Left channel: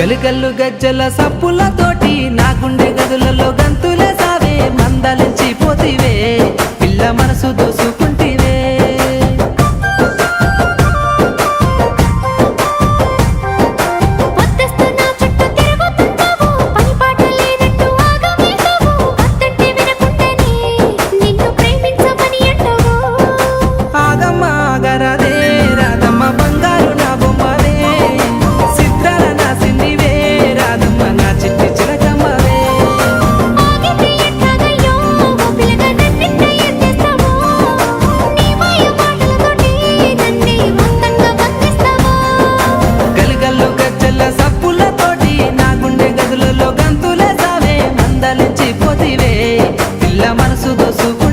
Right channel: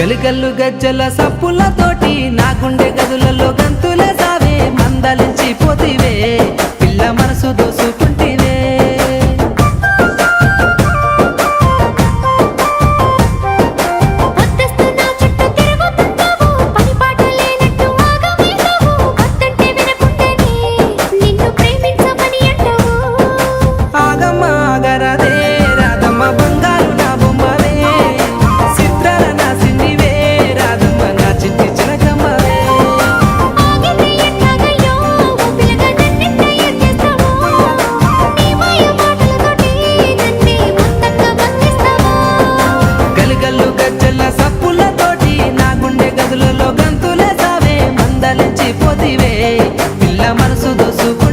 గలిగల్లు గజ్జల సప్పులతోటి నా గుండె గదులలో గంతులే సావే మందలించి పోతివే పిల్ల మనసు దోసుకుంటివే గల్లు గజ్జల సప్పులతోటి నా గుండె గదులలో గంతులే సావే మందలించి పోతివే పిల్ల మనసు దోసుకు